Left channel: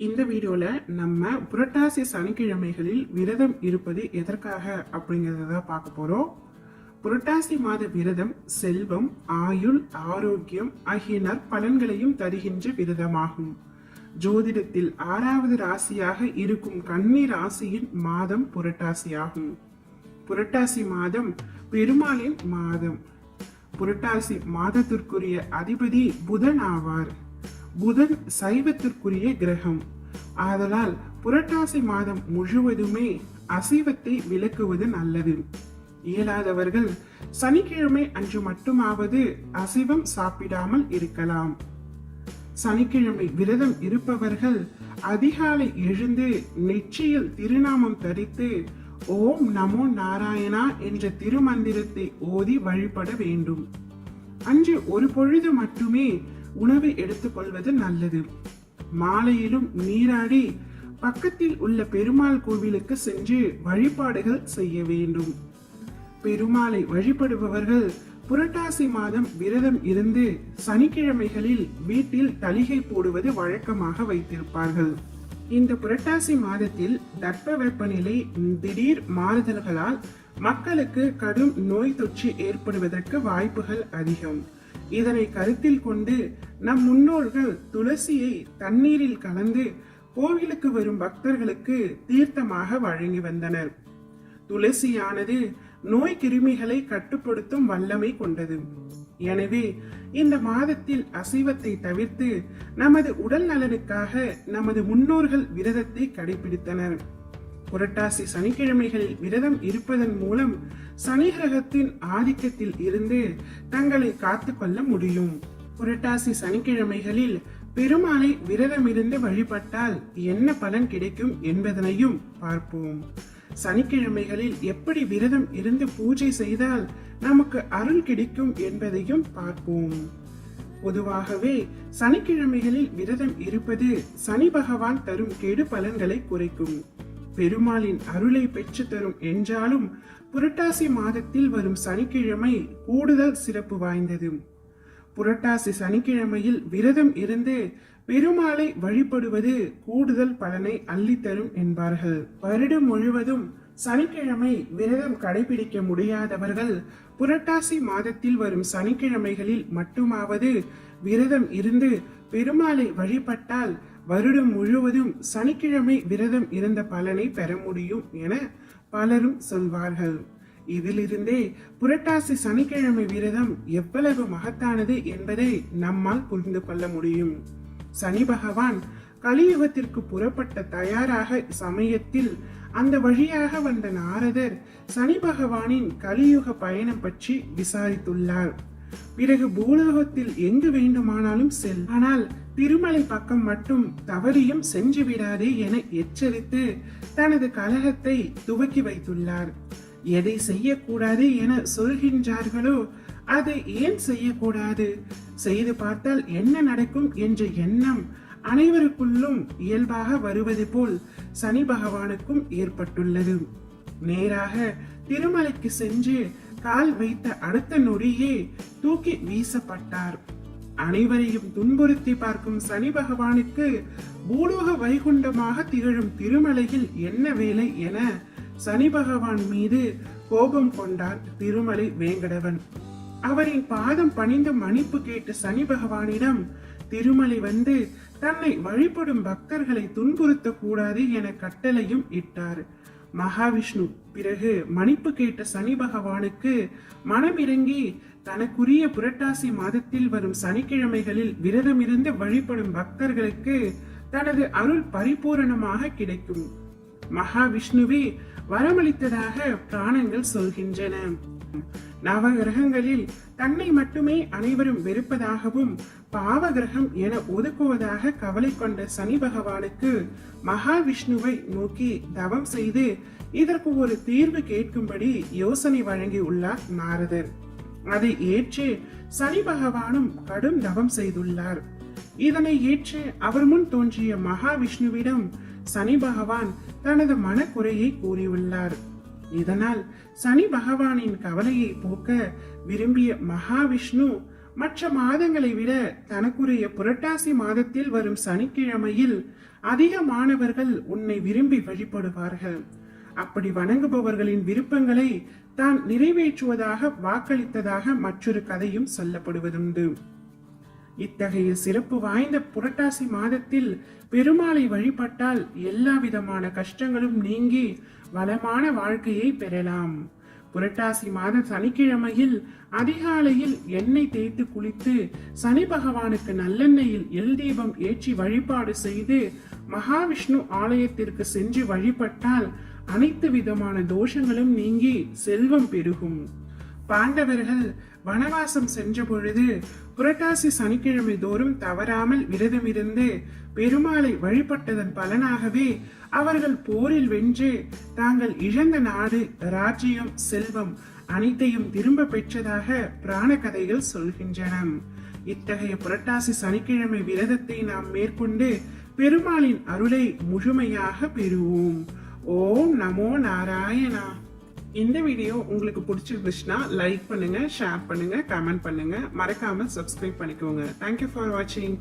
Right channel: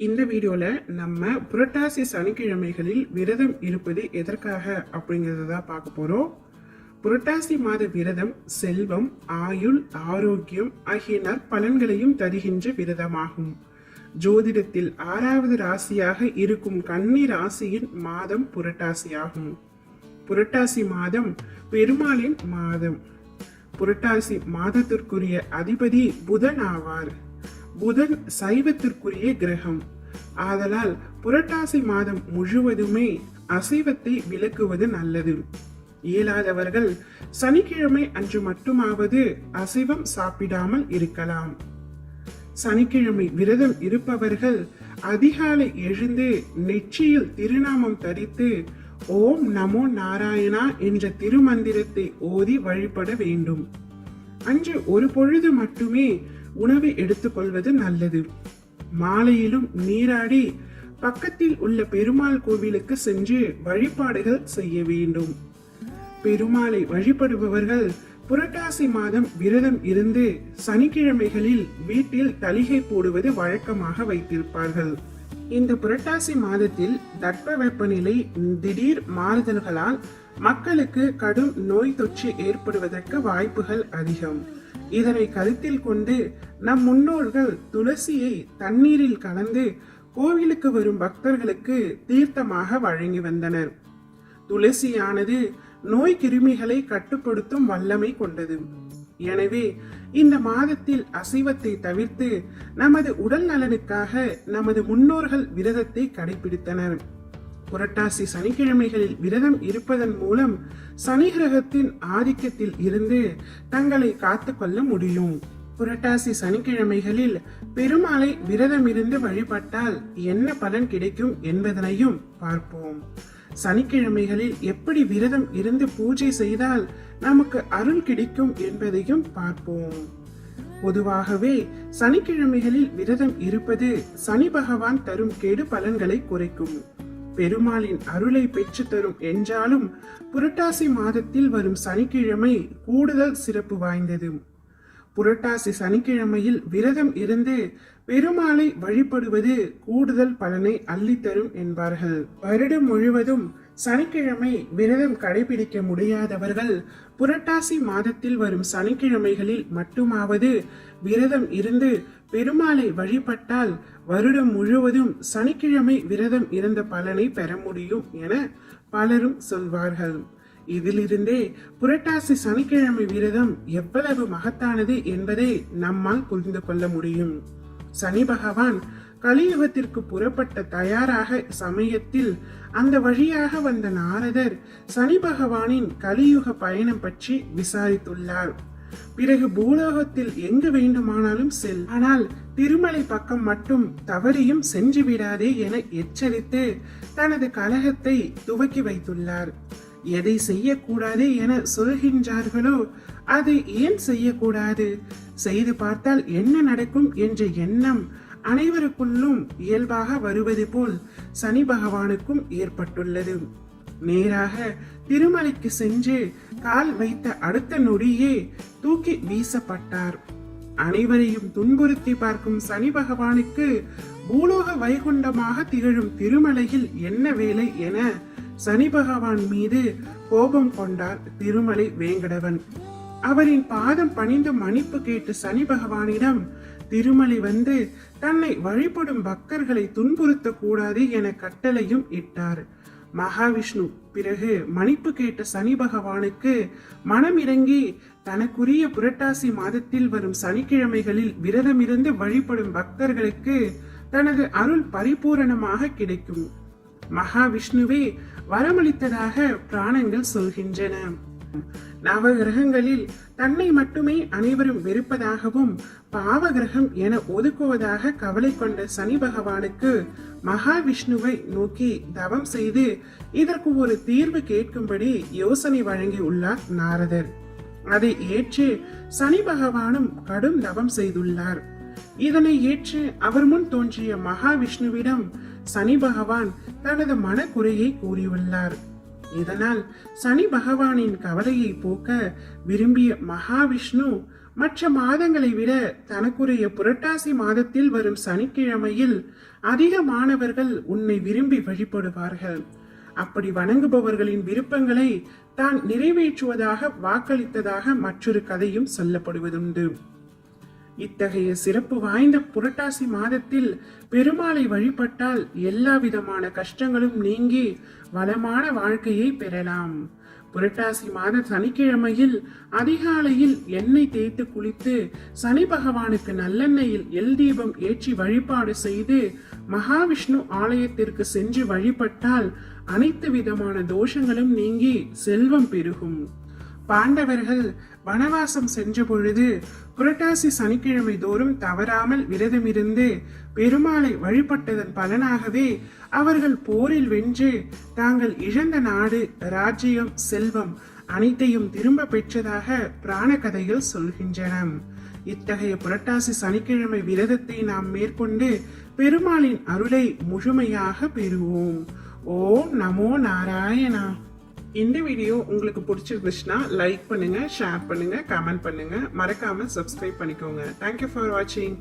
இந்த வீடியோல நம்ம புரட்டாசி சனிக்கிழமைகளில் விரதம் இருப்பது எதற்காக அப்படிங்கறத பார்க்க போறோம். புரட்டாசி மாத விரதம் செல்வம், ஆயுள், ஆரோக்கியம் ஆகிய நற்பலன்களையும் தருகின்ற விரதமாகும். ஜோதிடத்தில் 6வது ராசியாக இருக்கும் கன்னி ராசியின் மாதம் புரட்டாசியாகும். புரட்டாசி மாதம் பெருமாளின் மாதம். புரட்டாசி மாதத்திற்குரிய அதிபதி புதன் ஆவார். புதன் சைவத்திற்குரிய கிரகம். ஆதலால் புரட்டாசி மாதம் முழுவதுமே அசைவத்தை விலக்குவது நல்லது. இயலாதவர்கள் சனிக்கிழமை அன்று மட்டுமாவது அசைவம் சாப்பிடாமல் இருக்கலாம். சனிக்கிழமை விரதம் இருப்பவர்கள் அதிகாலை எழுந்து நெற்றியில் திருநாமம் தரித்து ஓம் நமோ நாராயணா என்ற திருமந்திரத்தை ஓதி வழிபட வேண்டும். அன்று ஒரு பொழுது மட்டுமே உணவை எடுத்துக்கொள்வது நல்லது. மாலையிலும் நீராடி பக்கத்தில் உள்ள பெருமாள் கோவிலுக்கு சென்று வழிபாடுகள் செய்ய வேண்டும். பெருமாளை வழிபடுபவர்கள் புரட்டாசி மாதம் விரதம் இருந்து சனிக்கிழமைகளில் வீட்டில் தளிகை போடுவது வழக்கமாக வைத்திருப்பார்கள். இந்த புரட்டாசி மாதத்தில் தட்பவெப்பநிலை திடீர் மாறுதல்களால் மக்களுக்கு கடும் நோய் தொற்று ஏற்படுவதற்கு வாய்ப்புகள் அதிகம். இதனை கருத்தில் கொண்டு நம் முன்னோர்கள் துளசியை தண்ணீரில் கலந்து கோவிலுக்கு வரும் பக்தர்களுக்கு தீர்த்தமாக வழங்கி வந்தனர். துளசியானது நோய் கிருமிகளை கட்டுப்படுத்தும் வல்லமை கொண்டது. எனவே இந்த மாதத்தில் அசைவத்தை தவிர்த்து நமது உடல் நலனுக்காக நமது முன்னோர்கள் விரதத்தை கடைபிடித்தனர். புரட்டாசி சனிக்கிழமைகளில் விரதம் இருப்பதன் மூலம் சனி கிரகத்தின் ஆதிக்கத்தில் இருந்து தங்களை காத்துக்கொள்ள முடியும். புரட்டாசி சனிக்கிழமைகளில் பெருமாளை விரதம் இருந்து வழிபட்டால் என்ன பலன் கிடைக்கும் என்பதனையும் பார்ப்போம். சனிக்கிழமைகளில் எப்படி விரதம் இருந்து பூஜை செய்தால் நமக்கு அருள் கிடைக்கும் என்பதையும் பார்ப்போம். பொதுவாகவே சனிக்கிழமைகளில் விரதம் இருப்பது சனி பகவான் தரும் கெடு பலன்களை குறைக்கும். பெருமாளின் அருளை பெற்று தரும் என்றாலும் புரட்டாசி மாதத்தில் வரும் சனிக்கிழமை கூடுதல் சிறப்பு வாய்ந்தது. புரட்டாசி சனிக்கிழமையில் விரதம் இருந்து பெருமாளை வழிபடுவது கூடுதல் பலனை அள்ளித்தரும் என்பார்கள். வருடம் முழுவதும் சனிக்கிழமை விரதம் கடைபிடிக்க முடியாதவர்கள் புரட்டாசி மாதத்தில் வரும் சனிக்கிழமைகளில் மட்டுமாவது விரதம் இருந்து பெருமாளை வழிபட்டால் வருடம் முழுவதும் சனிக்கிழமை விரதம் இருந்த பலனை பெற முடியும் என பலரும் சொல்வார்கள். இதிலிருந்தே புரட்டாசி சனிக்கிழமை விரதம் எவ்வளவு மகத்தானது என்பதை நம்மால் புரிந்து கொள்ள முடியும். சனி பகவான் கலியுகத்திற்கு புறப்பட்ட தயாராக சமயத்தில் அந்த வழியாக வந்த நாரதர் சனி பகவானின் கலியுக பயணம் பற்றி விசாரித்துள்ளார். பிறகு பூலோகத்தில் எங்கு வேண்டுமானாலும் செல், ஆனால் திருமலை பக்கம் மட்டும் தவறியும் சென்று விடாதே என எச்சரித்து தனது கலகத்தை துவக்கி வைத்துள்ளார். எதை செய்யக்கூடாது என சொல்கின்றார்களோ அதை ஏன் செய்யக்கூடாது, செய்து பார்த்தால் என்ன நடக்கும் என்ற எண்ணம் அனைவருக்குள்ளும் இயல்பாக வருவது போல் சனி பகவானுக்கும் ஏற்பட்டுள்ளது. நேராக திருமலைக்கு சென்று கால் வைத்த அடுத்த நொடியே தூக்கி வீசப்பட்டார். அனைவரையும் துன்புறுத்தி பார்க்கும் சனி பகவானுக்கு பூலோக வைகுண்டமாக திகழும் திருமலையில் என்ன வேலை என சனி பகவான் மீது கோபம் கொண்டார் திருமலை வேங்கடவன். அவரின் பாதம் பணிந்து மன்னிப்பு கேட்டு சனி பகவானிடம் திருமலை வந்து தன்னை வழிபடும் பக்தர்களை துன்புறுத்த கூடாது என கட்டளையும் இட்டார். மகாவிஷ்ணு பிறகு மன்னிப்பு கேட்ட சனி பகவானுக்கு மனம் இறங்கி தனக்குரிய புரட்டாசி மாதத்தில் வரும் சனிக்கிழமைகளில் விரதமிருந்து வழிபடும் பக்தர்களுக்கு தனது அருள் பரிபூரணமாக கிடைக்கும். மகாவிஷ்ணுவே வரமளித்ததாக புராணங்கள் சொல்கின்றன. நவ கிரகங்களில் தன்னை மட்டுமே அனைவரும் வெறுப்பதாகவும் பாவ கிரகம் என ஒதுக்குவதாக கவலை கொண்ட சனி பகவானுக்கு மகாவிஷ்ணுவை நோக்கி தவம் செய்து இதற்கு ஒரு தீர்வு கேட்கும்படி யோசனை வழங்கி உள்ளார் நாரதர். அதை ஏற்று சனி பகவானும் கடும் தவம் செய்துள்ளார். இதனை ஏற்று அவர் முன் தோன்றிய மகாவிஷ்ணுவிடம் சனி பகவான் தனது மனக்குறையை கூறியுள்ளார். இதனால் சனி பகவானின் கவலையை போக்க விரும்பிய மகாவிஷ்ணு மற்ற மாதங்களை விட தனக்குரிய புரட்டாசி மாதத்தில் வரும் சனிக்கிழமையில் அதிக மாணவர்கள் உன்னை விரும்பி வழிபடுவார்கள். அப்படி வணங்குபவர்களின் விருப்பங்களை தான் நிறைவேற்றுவதாக வாக்களித்ததாக மற்றொரு கதையும் சொல்லப்படுவதுண்டு. இத்தகைய சிறப்பு வாய்ந்த புரட்டாசி மாதத்தில் பெருமாளை வழிபட்டால் எல்லா விதமான கஷ்டங்களும் நீங்கி வளமான வாழ்க்கையை பெறலாம். புரட்டாசி மாத சனிக்கிழமையில் அதிகாலையில் எண்ணெய் தேய்த்து குளித்து சனி பகவானுக்கு நல்லெண்ணெயில் எல் தீபம் ஏற்றி வழிபாடு செய்து மகாவிஷ்ணு ஆலயத்திற்கு சென்று வழிபட்டால் அனைத்து விதமான தோஷங்களும் நீங்கி செல்வம் பெருகும். பாண்டவர்கள் வனவாசம் சென்ற பொழுது புரட்டாசி சனிக்கிழமை தோறும் தவறாமல் விரதமிருந்து பெருமாளை வழிபட்டதன் பலனாகவே அவர்கள் போரில் வென்று தாங்கள் இழந்த நாடு, ராஜ்யம், செல்வம் அனைத்தையும் திரும்ப பெற்றதாக புராண கதைகள் சொல்கின்றன. இத்தகைய புரட்டாசி சனிக்கிழமை விரதத்தை நாம் மேற்கொண்டு பெருமாளின் அருளை முழுமையாக பெறுவோம். ஓம் நமோ நாராயணா. இந்த வீடியோ உங்களுக்கு பிடிச்சிருந்துச்சுன்னா லைக் பண்ணுங்க, ஷேர் பண்ணுங்க, கமெண்ட் பண்ணுங்க, மறக்காம சப்ஸ்கிரைப் பண்ணிக்கோங்க. தேங்க்யூ ஃபார் வாட்சிங்.